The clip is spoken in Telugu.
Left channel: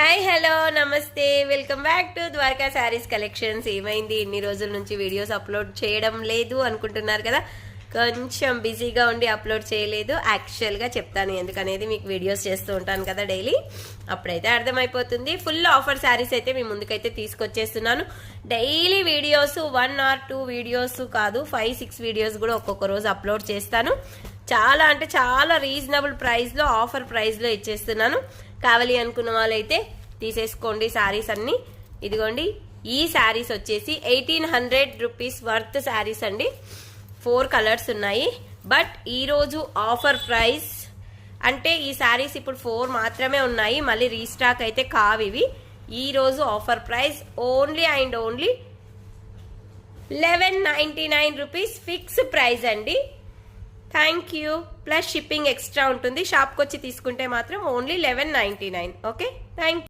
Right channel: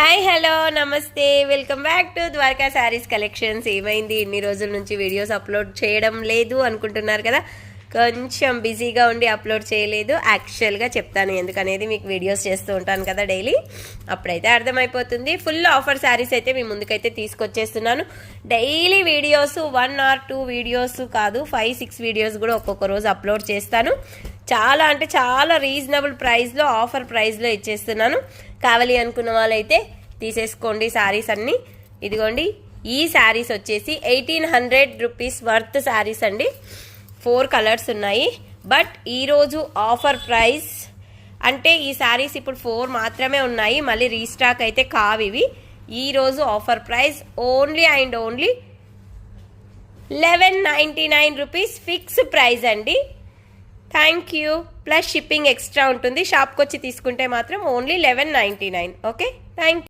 హాయ్ హలో నమస్తే welcome back to Dwaraka sarees collections. ఏమైంది ఇన్ని రోజుల నుంచి వీడియోస్ అప్లోడ్ చేయడం లేదు అనుకుంటున్నారు కదా. కొంచెం బిజీగా ఉండి అప్లోడ్ చేయలేదు. యాక్చువల్గా చెప్తాను ఎందుకనేది, మీకు వీడియోస్ చేస్తూ ఉంటాను కదా డైలీ, అప్పుడైతే అర్థమైపోతుంది. ఫుల్ ఆఫర్ శారీస్ అయితే మీ ముందుకైతే తీసుకొచ్చేస్తున్నాను. డైలీ వీడియోస్ 1 or 2 వీడియోస్ కాదు, 5-6 వీడియోస్ కూడా ఒక్కొక్క రోజు అప్లోడ్ చేస్తాను. చాలా అంటే చాలా రీజనబుల్ ప్రైస్లో, ఆఫర్ ప్రైస్లో ఇచ్చేస్తున్నాను. కావాలి అనుకున్న వాళ్ళైతే తీసేసుకోండి శారీస్ అన్ని. ఇదిగోండి, ఈ శారీస్ వచ్చేసి 1800 రూపీస్ వర్త్ శారీస్ అండి. 4 కలర్స్ ఉన్నాయి. బట్ ఈరోజు ఆఫర్ ప్రైస్ అంటే ఈ శారీస్ ఇప్పుడు 4 మాత్రమే ఉన్నాయి, మళ్ళీ రీస్టాక్ అయితే కావు ఇవి. ఈరోజు offer price only and only 1199 rupees fix price అండి. Thank you. Plus shipping extra ఉంటుంది. షాప్కి వచ్చి తీసుకుంటే మాత్రం ఓన్లీ 1199. Okay, thank you.